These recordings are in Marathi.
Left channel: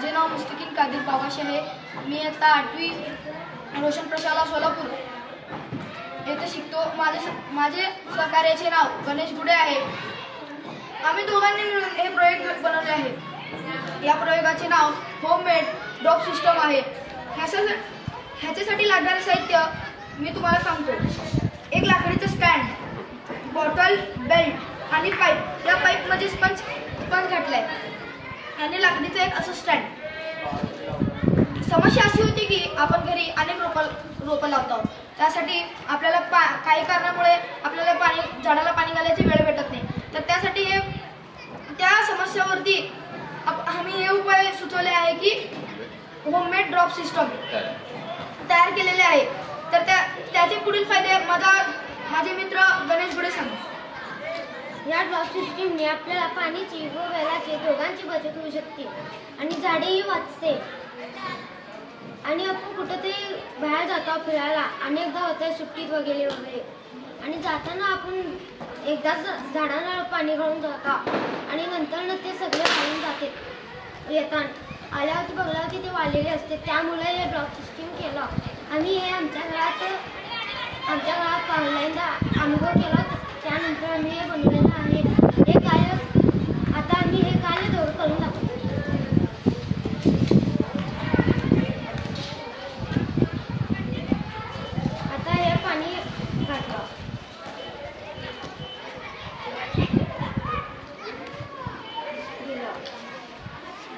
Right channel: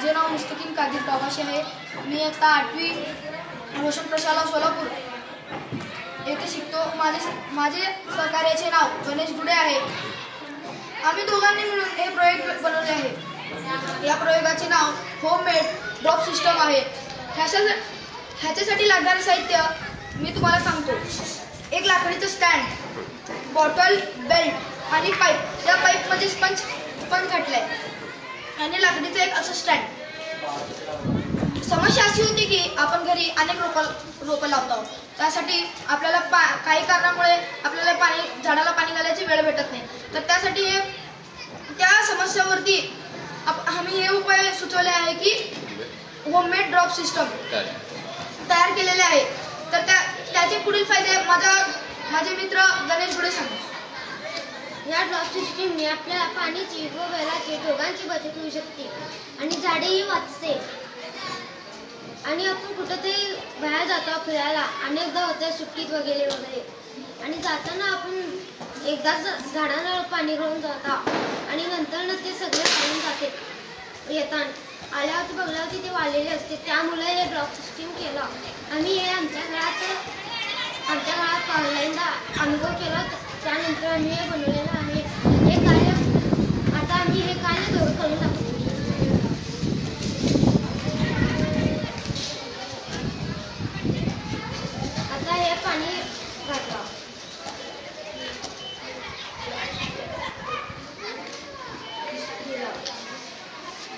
माझे नाव मुस्तकीन कादिर पावाशी आहे। मी आता 8वी रोशन प्रशाला सोलापूर येथे शिकतो। माझे सहकार्याचे नाव गणेश गुडे आहे। आम्ही दोघांनी मिळून हे प्रयोग बनवले आहे। या प्रयोगाचे नाव होममेड ड्रॉप सिस्टम आहे। ह्याच्यासाठी लागणारे साहित्य मी तुम्हाला सांगतो। एक लाकडीचं स्टँड, बॉटल, बेल्ट आणि पाईप। या पाईपमध्ये स्पंज घातलाय आणि लाकडीचं एक असं स्टँड। समस्या अशी होती की आपण घरी अनेक रोपं लावतो, त्यासाठी आपल्याला काही कारणामुळे आपल्याला झाडाला पाणी घालायची वेळ भेटत नाही। तर त्यासाठी त्या समस्यावरती आम्ही हे उपाय सुचवले आहे की होममेड ड्रॉप सिस्टम तयार केलेले आहे। तर त्याचे पुढील फायदे माझे मित्र गणेश गुडे सांगतात। या ड्रॉप सिस्टीमने आपल्याला पाण्याची व वेळाची दोघांची बचत होऊ शकते आणि झाडेही वाचते। आणि आपण कुठेतरी बाहेर जातो फिरायला, अनेकदा होते सुट्टीत वगैरे आणि जाताना आपण एकदाच झाडांना पाणी घालून जातो आणि नंतर ते सगळे वाळून जाते। येताना आल्यावरती बघल्यावरती ते वाळलेले असते। त्यामुळे हे ड्रॉप सिस्टीम केलं। आम्ही हे आमच्या घरात पहिल्यांदा अनुभव केला, त्यानंतर आम्ही हे बनवलेलं आहे। हे कार्य आता आम्ही हे कार्य करून दाखवतो। आता हे पाणी घातलं,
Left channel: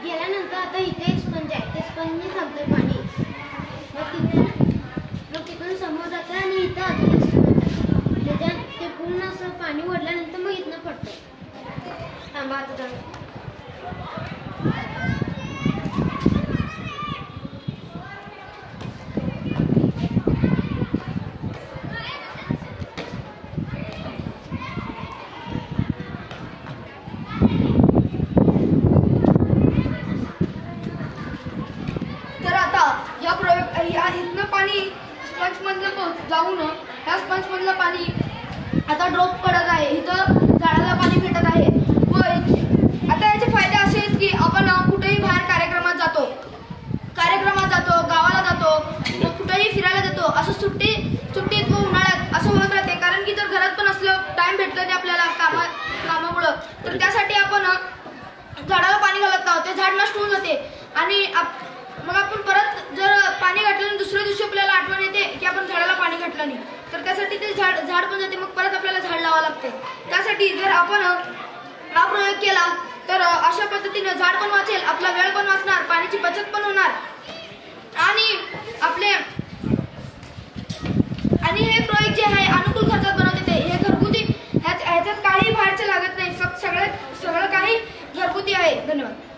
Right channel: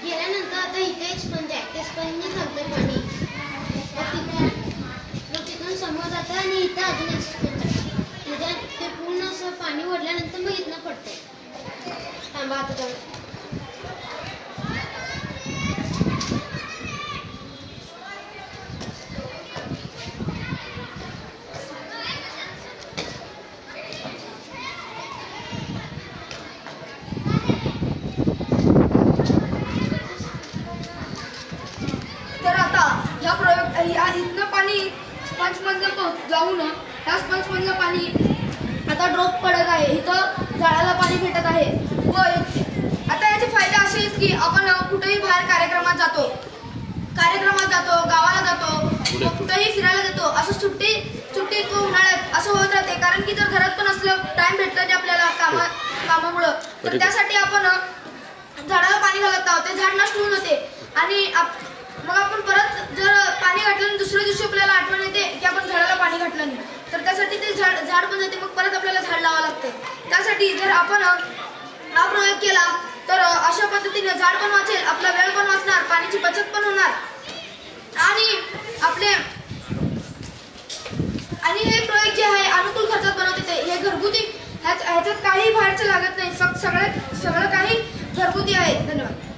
गेल्यानंतर आता इथे स्पंज आहे, ते स्पंजने चालतंय पाणी। मग तिथून समोर जातं आणि इथं अजून एक स्पंज आहे, ते पूर्ण असं पाणी ओढल्यानंतर मग इथनं पडतंय। थांबा आता इथनं पाणी स्पंजमधलं जाऊन ह्या स्पंजमधलं पाणी आता ड्रॉप पडत आहे, इथं झाडाला पाणी भेटत आहे। व आता याचे फायदे असे आहेत की आपण कुठेही बाहेर कार्यक्रमात जातो, गावाला जातो, कुठेही फिरायला जातो, असं सुट्टीत व उन्हाळ्यात असं होत राहते। कारण की जर घरात पण असलं, टाइम भेटलं नाही आपल्याला कामामुळं, तर त्यासाठी आपण झाडाला पाणी घालत आहोत, ते झाड नष्ट होऊन जाते आणि मग आपण परत जर पाणी घातलं आणि दुसऱ्या दिवशी आपल्याला आठवण येते की आपण झाडाला पाणी घातलं नाही, तर त्यासाठी ते झाड पण जाते, मग परत आपल्याला झाड लावावं लागते। त्यासाठी जर आपण हा प्रयोग केला तर अशा पद्धतीने झाड पण वाचेल, आपला वेळ पण वाचणार, पाण्याची बचत पण होणार आणि हे प्रयोग जे आहे अनुकूल खर्चात बनवते। हे घरगुती, ह्याच्यात काही बाहेरचं लागत नाही, फक्त सगळं काही घरगुती आहे। धन्यवाद।